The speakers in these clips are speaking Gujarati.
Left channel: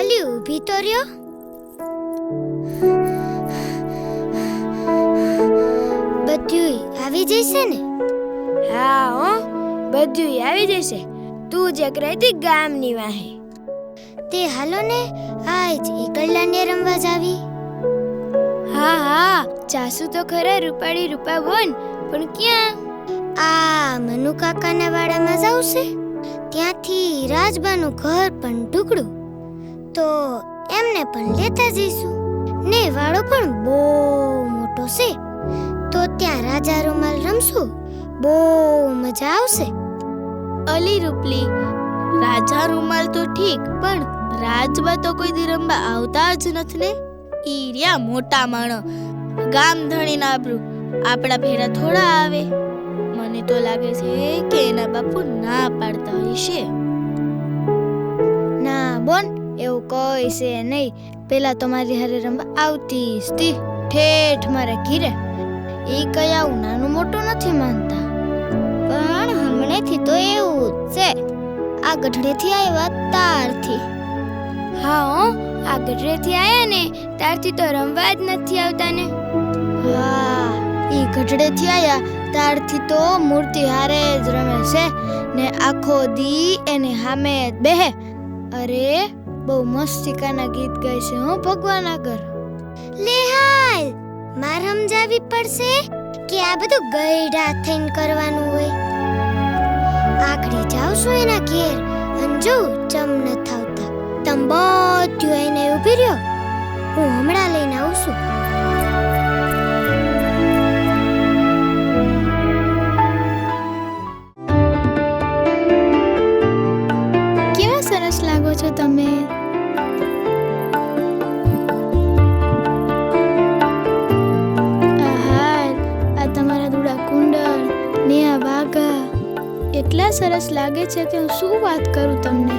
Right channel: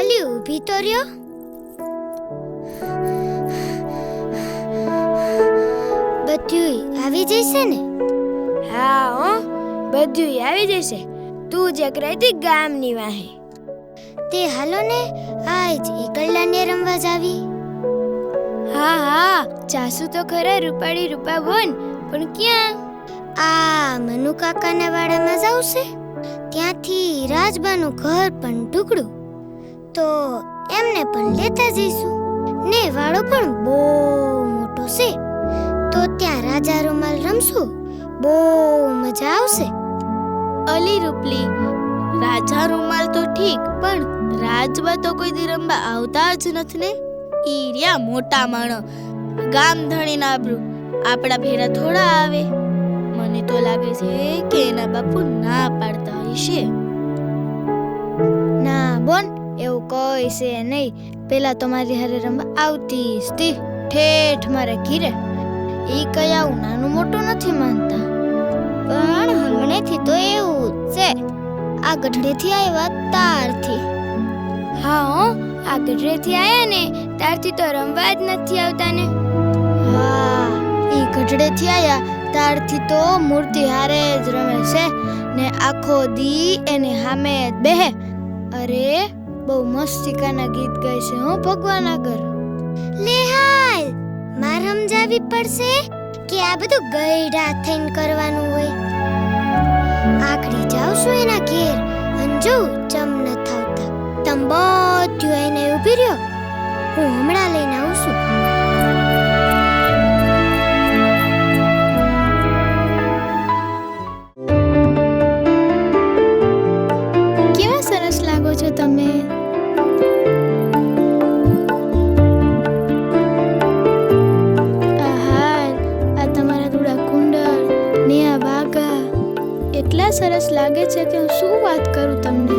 અલી ઊભી તો રહ્યો. બધું આવી જશે ને? હા હો, બધું આવી જશે. તું જે રહેતી ગામની વાહે. તે હાલો ને આજ એકલડાને રમવા જાવી. હા હા, ચાસુ તો ખરા રૂપાળી રૂપા બોન, પણ ક્યાં? આ મનુ કાકાના વાડામાં જાવશે. ત્યાંથી રાજબાનું ઘર પણ ટુકડું, તો એમને પણ લેતા જઈશું. ને વાડો પણ બહુ મોટો છે, તો ત્યાં રાજા રૂમાલ રમશું. બહુ મજા આવશે. અલી રૂપલી, રાજા રૂમાલ તો ઠીક, પણ રાજબા તો કોઈ દી રમવા આવતા જ નથી ને. ઈ રહ્યા મોટા માણસ, ગામ ધણીના આબરૂ આપણા ભેરા થોડા આવે. મને તો લાગે છે કે એના બાપુ ના પાડતા હશે. ના બોન, એવું કોઈ છે નહીં. પેલા તો મારી હારે રમવા આવતી હતી, ઠેઠ મારે ઘીરે. ઈ કઈ આવું નાનું મોટું નથી માનતા, પણ હમણેથી તો એવું જ છે. આ ગઢડેથી આવ્યા તારથી. હા હો, આ ગઢરેથી આયા ને તારથી તો રમવા જ નથી આવતા ને. હા, ઈ ગઢડેથી આયા તારથી તો મૂર્તિ હારે જ રમે છે ને આખો દી એને હામે જ બેહે. અરે બહુ મસ્તિકાના ગીત ગાય છે હો ભગવાન આગળ. લે હાલ, માર સમજાવી પડશે કે આ બધું ગઈઢા થઈને કરવાનું હોય. આખડી જાવ છું એના ઘેર, અંજુ ચમ ન થાવતા. તમ બધું એને ઊભી રહ્યો, હું હમણાં લઈને આવું છું. કેવા સરસ લાગો છો તમે. આ તમારા દુડા કુંડળ ને આ વાઘા એટલા સરસ લાગે છે કે હું શું વાત કરું તમને.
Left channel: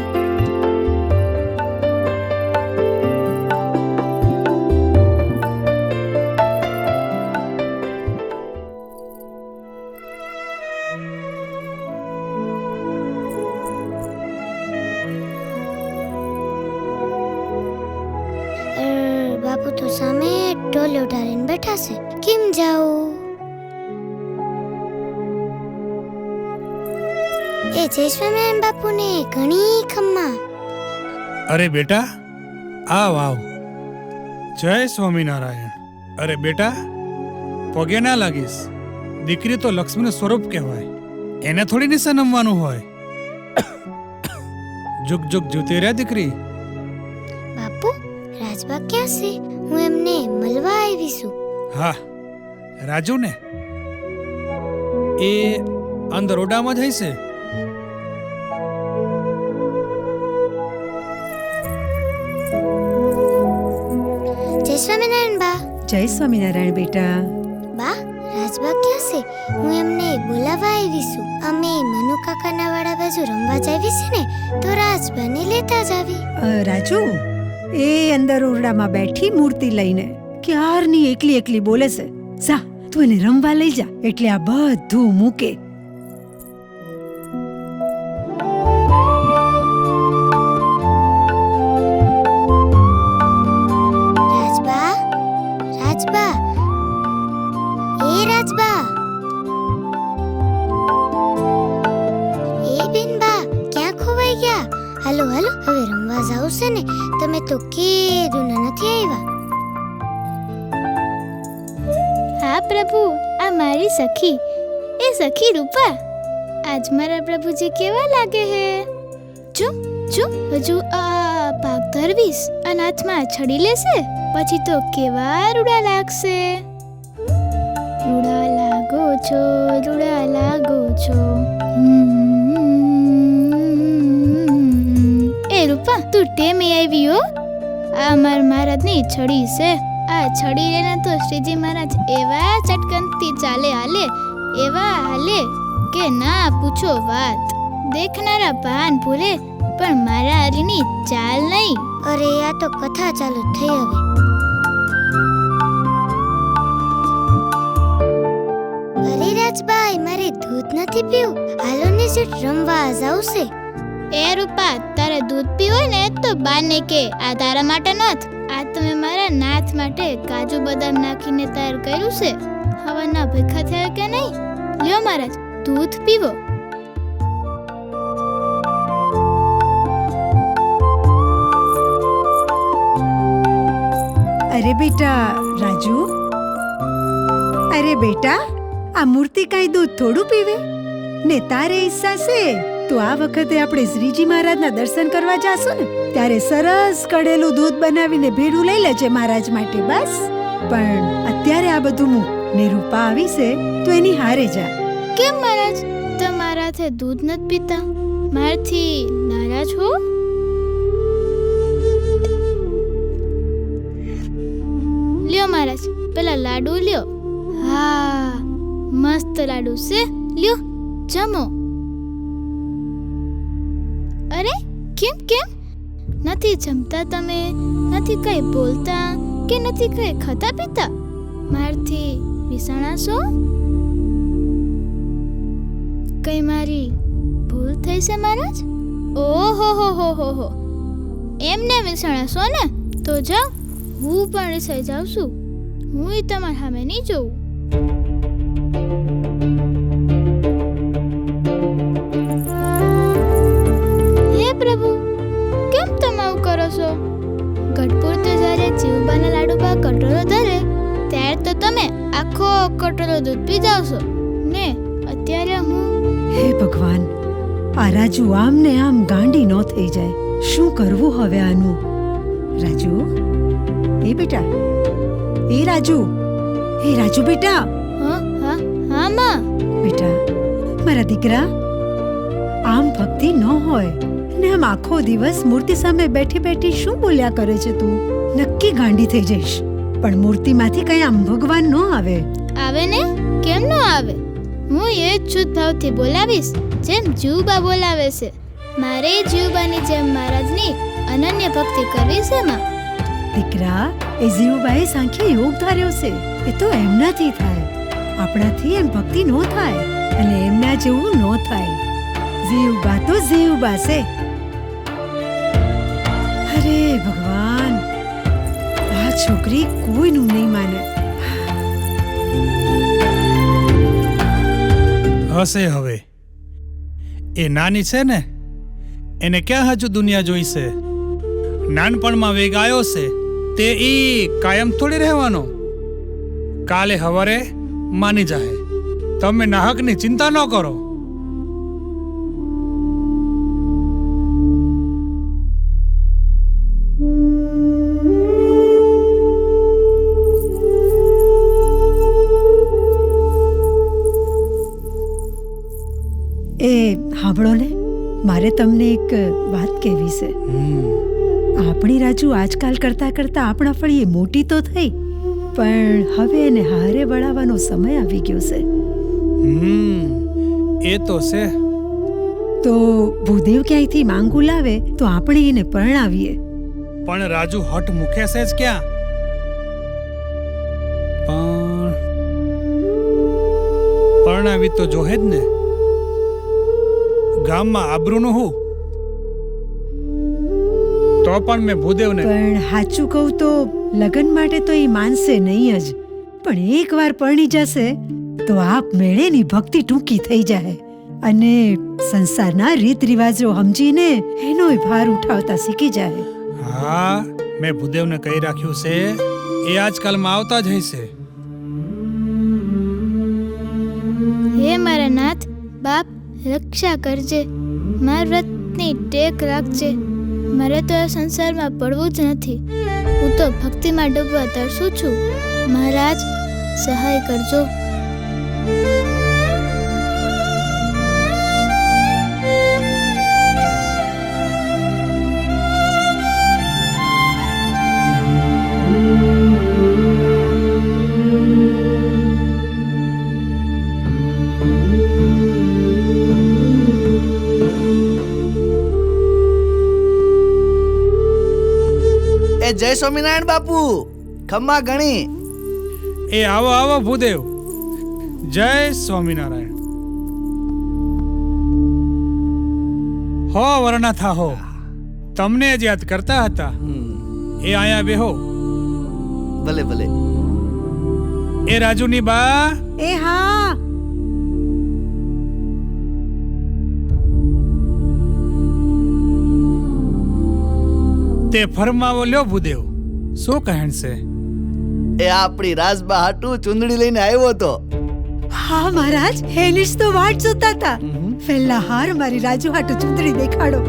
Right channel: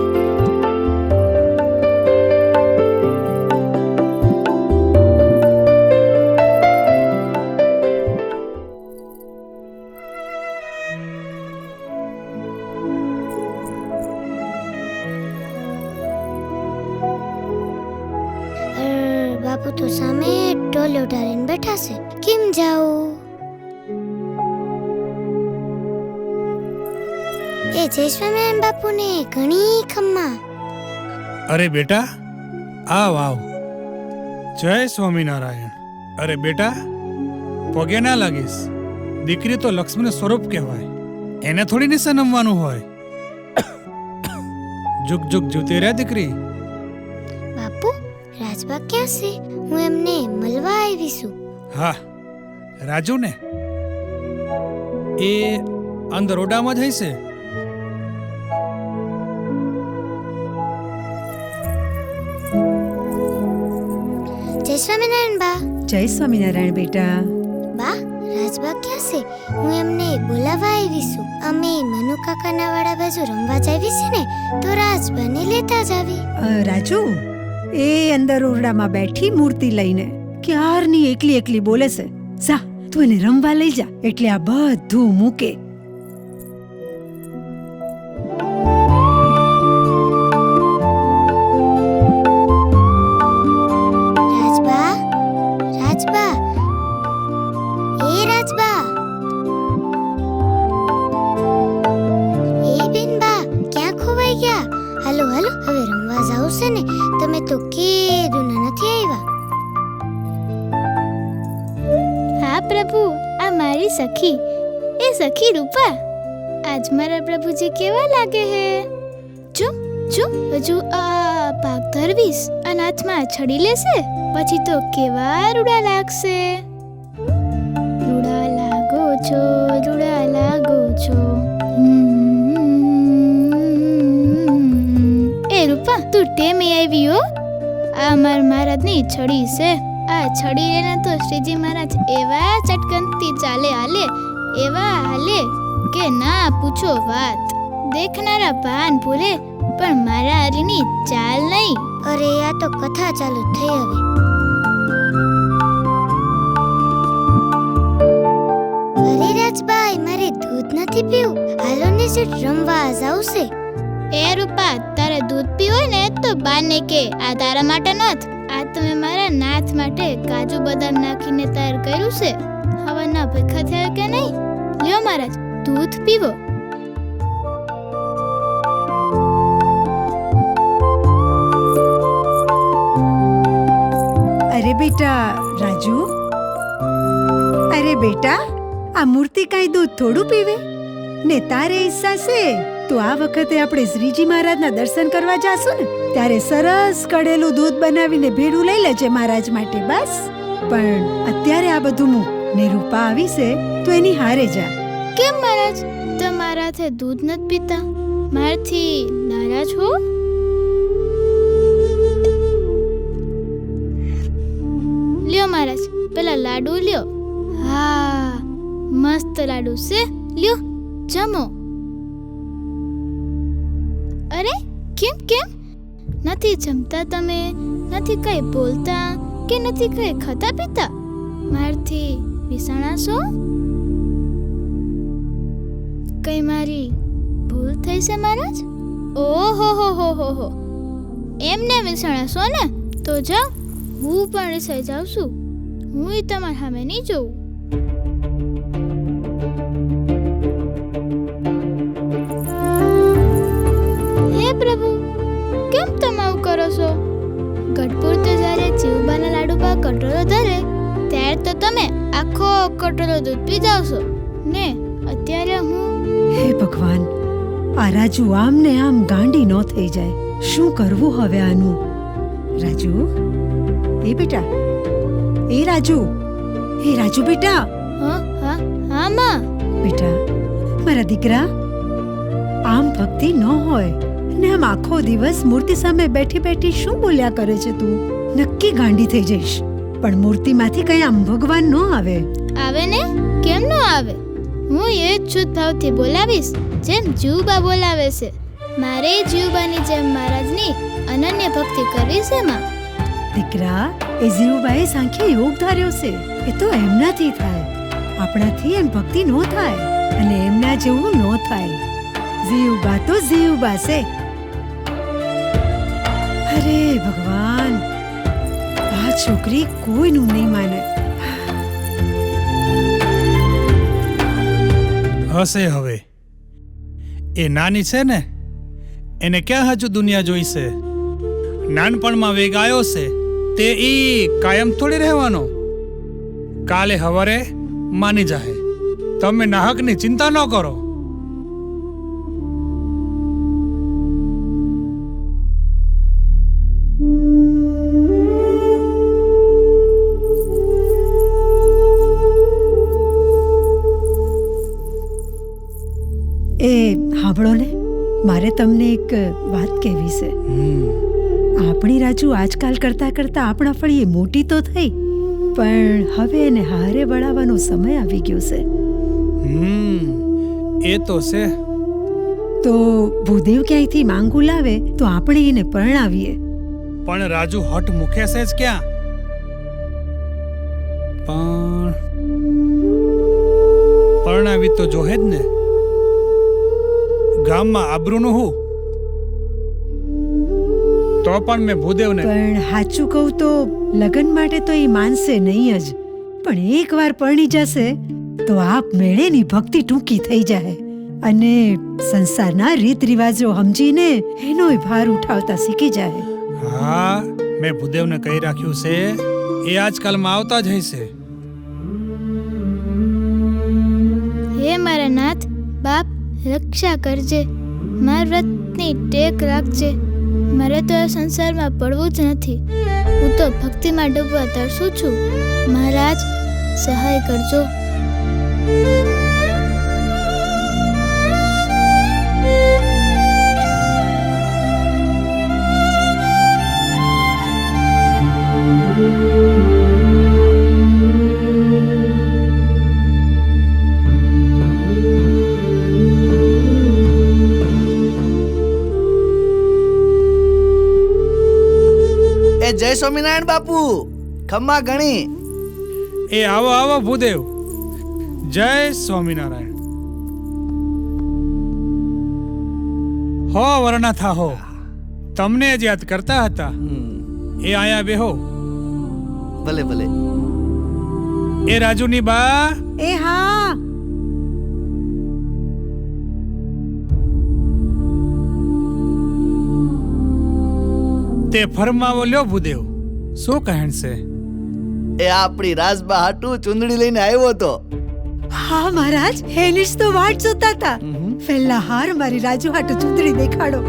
બાપુ તો સામે ટોલે ઉઠાડીને બેઠા છે. કેમ જાઉં? એ જય સ્વામિનારાયણ બાપુને ઘણી ખમ્મા. અરે બેટા, આવ આવ. જય સ્વામિનારાયણ. અરે બેટા, પગે ના લાગીશ. દીકરી તો લક્ષ્મીનું સ્વરૂપ કહેવાય, એને થોડી નિશા નમવાનું હોય. જુગ જુગ જીવતી રહે દીકરી. બાપુ, રાજબા ક્યાં છે? હું એમને મળવા આવી છું. હા, રાજુ ને એ અંદર ઓરડામાં જ હશે. જય સ્વામિનારાયણ બા. જય સ્વામિનારાયણ બેટા. બા, રાજબા ક્યાં છે? હું એમને બોલાવવા આવી છું. અમે મનુ કાકાના વાડા બાજુ રમવા જાવી છે ને, તો રાજબાને લેતા જ આવી. રાજુ, એ અંદર ઓરડામાં બેઠી મૂર્તિ લઈને ક્યારની એકલી એકલી બોલે છે. જા, તું એને રમવા લઈ જા, એટલે આ બધું મૂકે. રાજબા, રાજબા, એ રાજબા, એ બેનબા, ક્યાં ખોવાઈ ગયા? હાલો હાલો, હવે રમવા જાવ છે ને. તમે તો કેદુના નથી આવ્યા. હા પ્રભુ, આ મારી સખી, એ સખી રૂપા. આજ મારા પ્રભુજી કેવા લાગે હે. જો જો, હજુ આ ભાગ ધરવીશ અને હાથમાં છડી લેશે, પછી તો કેવા રૂડા લાગશે. રૂડા લાગો છો, રૂડા લાગો છો. એ રૂપા, તું ટેમે આવી હો. આ માર મહારાજની છડી છે. આ છડી લેને તો શ્રીજી મહારાજ એવા ચટકનથી ચાલે હાલે, એવા હાલે કે ના પૂછો વાત. દેખનારા ભાન ભૂલે, પણ મારા હરીની ચાલ નહીં. અરે, આ તો કથા ચાલુ થઈ હવે. અરે રાજભાઈ, મારે દૂધ નથી પીવું. હાલો ને જે રમવા જાવશે. એ રૂપા, તારે દૂધ પીવું હોય ને તો બાને કે આ તારા માટે નથ, આ તમે મારા નાથ માટે કાજુ બદામ નાખીને તૈયાર કર્યું છે. હવાના ભેખા થયા કે નહીં? લ્યો મહારાજ, દૂધ પીવો. અરે બેટા રાજુ, અરે બેટા, આ મૂર્તિ કાંઈ દૂધ થોડું પીવે ને? તારે ઈચ્છા છે તો આ વખતે આપણે શ્રીજી મહારાજના દર્શન કરવા જાશું ને, ત્યારે સરસ કડેલું દૂધ બનાવીને ભેડું લઈ લેજે મહારાજ માટે. બસ, પણ અત્યારે આ બધું મૂક ને રૂપા આવી છે તો એની હારે જા. કેમ મહારાજ, તમારાથી દૂધ નથી પીતા? મારથી નારાજ હો? લ્યો મહારાજ, પેલા લાડુ લ્યો. હા, મસ્ત લાડુ છે, લ્યો જમો. અરે કેમ કેમ નથી જમતા તમે? નથી કઈ બોલતા કે નથી કઈ ખાતા પીતા? મારથી વિસાણા છો? કઈ મારી ભૂલ થઈ છે મહારાજ? ઓહો હો હો હો હો, એમને વિસાણા છો ને? તો જાઓ, હું પણ રીસાઈ જાઉં છું. હું તમારા સામે નહીં જોઉં. હે પ્રભુ, કેમ તમે આવું કરો છો? ગઢપુર તો જ્યારે જીવબાના લાડુ પર કટોરો ધરે ત્યારે તો તમે આખો કટોરો દૂધ પી જાવ છો ને, અત્યારે હું... હે ભગવાન, આ રાજુ આમ ને આમ ગાંડી ન થઈ જાય. શું કરવું હવે આનું? રાજુ, એ બેટા, એ રાજુ, એ રાજુ બેટા. હા હા હા માં. બેટા મારા દીકરા, આમ ભક્તિ ન હોય ને આમ આખો દિવસ મૂર્તિ સામે બેઠી બેઠી શું બોલ્યા કરે છે તું? નક્કી ગાંડી થઈ જઈશ. પણ મૂર્તિમાંથી કઈ આમ ભગવાન ન આવે. આવે ને, કેમ ન આવે? હું એ જ શુદ્ધ ભાવથી બોલાવીશ જેમ જીવબા બોલાવે છે. મારે જીવબાની જેમ મહારાજની અનન્ય ભક્તિ કરવી છે માં. દીકરા, એ જીવબાએ સાંખ્ય યોગ ધાર્યો છે. એ તો એમનાથી થાય, આપણાથી એમ ભક્તિ ન થાય અને એમના જેવું ન થાય. જીવબા તો જીવબા છે. અરે ભગવાન, આ છોકરી કોઈનું નહીં માને. હશે હવે, એ નાની છે ને, એને ક્યાં હજુ દુનિયા જોઈ છે? નાનપણમાં વેગ આવ્યો છે તે ઈ કાયમ થોડી રહેવાનો. કાલે હવારે માની જાહે. તમે નાહકની ચિંતા ન કરો. એ સાંભળો ને, મારે તમને એક વાત કહેવી છે. આપણી રાજુ આજકાલ કરતા કરતા આપણા ફળીએ મોટી તો થઈ, પણ હવે એને હારે વળાવવાનો સમય આવી ગયો છે. એ તો છે. તો ભૂદેવ ક્યાંયથી માંગુ લાવે તો આપણે એને પરણાવીએ. પણ રાજુ હટ મૂકે છે જ ક્યાં? પણ પરણાવી તો જોહે જ ને. ગામમાં આબરૂનું હું તો પણ મેં ભૂદેવને... પણ સાચું કહું તો લગ્ન માટે તો એ માનશે નહીં જ, પણ એકવાર પરણી જશે તો આપ મેળેની ભક્તિ ટૂંકી થઈ જાય અને સંસારના રીત રિવાજો સમજીને એનોય ભાર ઉઠાવતા શીખી જાય. હા, મેં ભૂદેવને કહી રાખ્યું છે, એ આજકાલમાં આવતા જ હશે. હે મારા નાથ, બાપ રક્ષા કરજે, મારા વ્રતની ટેક રાખજે. મારે તો આ સંસારમાં પડવું જ નથી. હું તો ભક્તિમાં ડૂબવા તરસું છું. મહારાજ સહાય કરજો. જય સ્વામિનારાયણ બાપુ, ખમ્મા ગણી. એ આવો આવો ભૂદેવ. જય સ્વામિનારાયણ. હો વરણા થા હો. તમને જ યાદ કરતા હતા. એ આયા બેહો. ભલે ભલે. એ રાજુની બા, એ હા. તે ફરમાવો લ્યો ભૂદેવ, શું કહેણ છે? એ આપણી રાજબા હાટુ ચુંદડી લઈને આવ્યો તો. હા મહારાજ, એની જ તો વાટ જોતા હતા. પહેલા હાર મારી રાજુ હાટુ ચૂંદડી દેખાડો.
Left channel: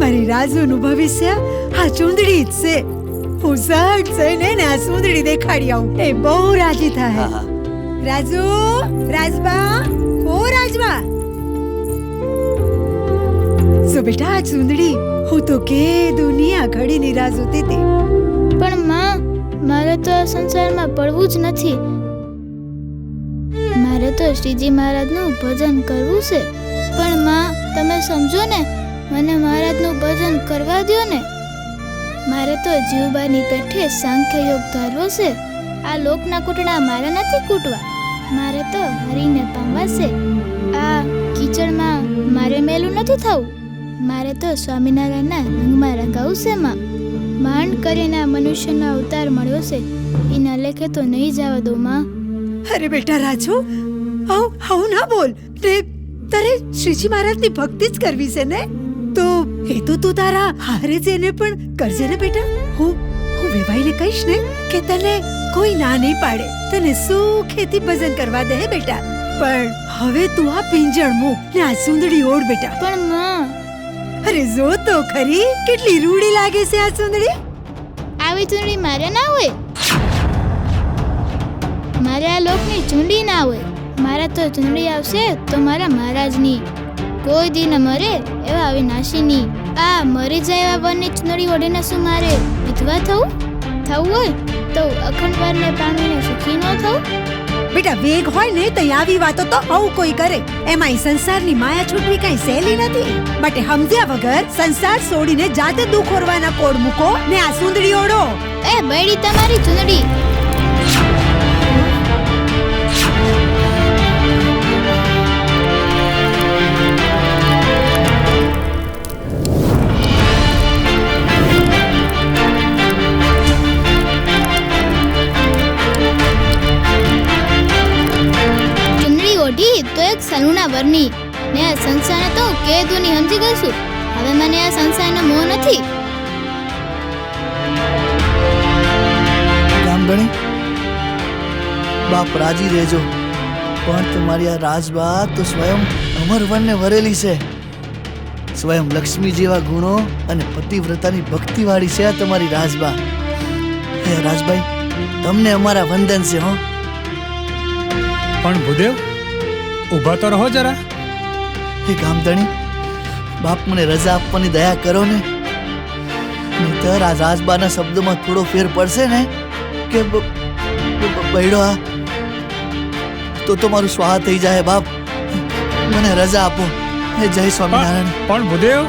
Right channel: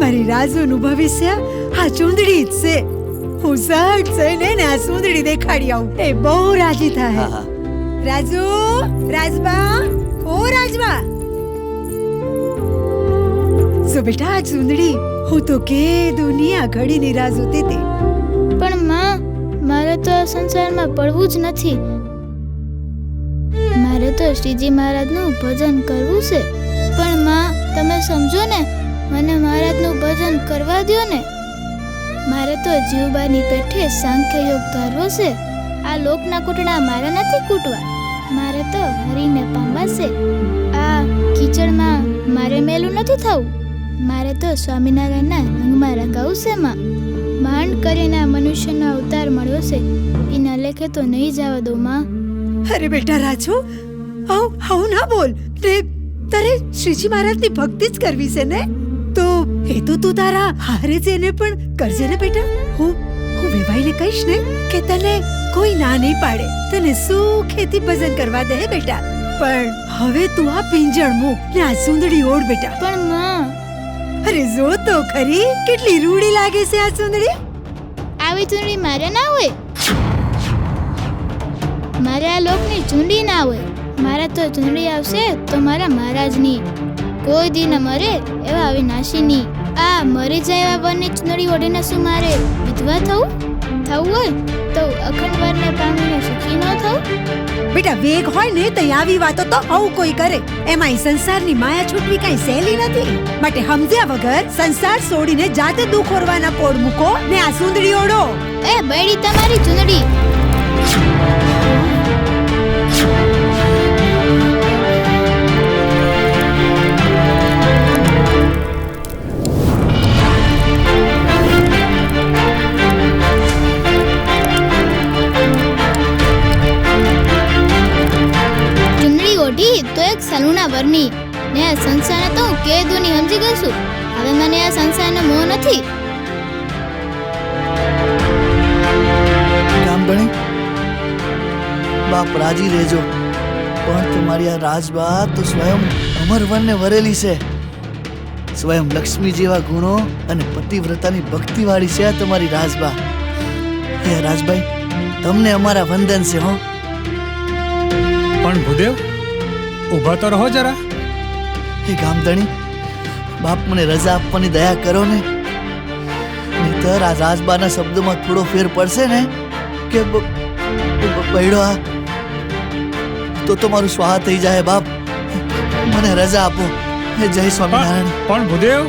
મારી રાજુનું ભવિષ્ય આ ચૂંદડી જ છે. હું સહજ જઈને ને આ ચૂંદડી દેખાડી આવું. એ બહુ રાજી થાય. હા. રાજુ, રાજબા, ઓ રાજબા. સો બેટા, આ ચૂંદડી હું તો કે દુનિયા ઘડીની રાહ જોતી હતી. પણ માં, મારે તો આ સંસારમાં પડવું જ નથી. મારે તો શ્રીજી મહારાજનું ભજન કરવું છે. પણ માં, તમે સમજો ને, મને મહારાજનું ભજન કરવા દ્યો ને. મારે તો જીવબાની પેઠે સાંખ્ય યોગ ધારવો છે. આ લોકના કૂટણા મારે નથી કૂટવા. મારે તો હરીને પામવા છે. આ કીચડમાં મારે મેલું નથી થવું. મારે તો સ્વામિનારાયણના રંગમાં રંગાવું છે માં. માંડ કરીને આ મનુષ્યનો અવતાર મળ્યો છે. એના લેખે તો નહીં જવા દો માં. અરે બેટા રાજુ, આવું ના બોલ. તારે શ્રીજી મહારાજની ભક્તિ જ કરવી છે ને? તો એ તો તું તારા હારે જ એને પણ કરજે ને બેટા. હું વેવાઈને કહીશ ને કે તને કોઈ ના નહીં પાડે. તને સુખેથી ભજન કરવા દે બેટા. પણ હવે તું આ પિંજણ મૂક ને આ સુંદડી ઓઢ બેટા. પણ માં, અરે જો તો ખરી, કેટલી રૂડી લાગે છે આ સુંદડી. આવી ચૂંટણી મારે ના હોય. મારે આ લોકની ચૂંટણી ના હોય. મારા તો ચૂંટણી આવશે તો મારા મહારાજની. કોઈ દી ન મરે એવા અવિનાશીની. આ મરી જાય એવા વરની ચૂંટણી ઓઢીને શું મારે વિધવા થવું હોય તો અખંડ વરને પામીને સુખી ન થવું? બેટા વેગ હોય ને તો આવી વાતો તો આવું કોઈ કરે. એમાંય સંસારની માયા છૂટવી કઈ સહેલી નથી. માટે સમજ્યા વગર સંસાર છોડીને જાતે દુઃખ ઓરવાના કોડ મૂકો ને આ સુંદડી ઓઢો. એ બૈડી તમારી ચૂંટણી. ચુંદડી ઓઢી તો એક સલુના વરની ને આ સંસારને તો હું કેદુની સમજી ગઈ છું. હવે મને આ સંસારનો મોહ નથી. ગામધણી, બાપ રાજી રહેજો. પણ તમારી આ રાજબા તો સ્વયં અમરવનને વરેલી છે. સ્વયં લક્ષ્મી જેવા ગુણો અને પતિવ્રતાની ભક્તિવાળી છે આ તમારી રાજબા. હે રાજભાઈ, તમને અમારા વંદન છે. હો પણ ભૂદેવ, ઊભા તો રહો જરા. હે ગામધણી, બાપ મને રજા આપવાની દયા કરો ને. નહીતર આ રાજબાના શબ્દોમાં થોડો ફેર પડશે ને કે બૈડો આ તો મારું સ્વાહા થઈ જાય. બાપ, મને રજા આપો. હે જય સ્વામિનારાયણ. પણ ભૂદેવ,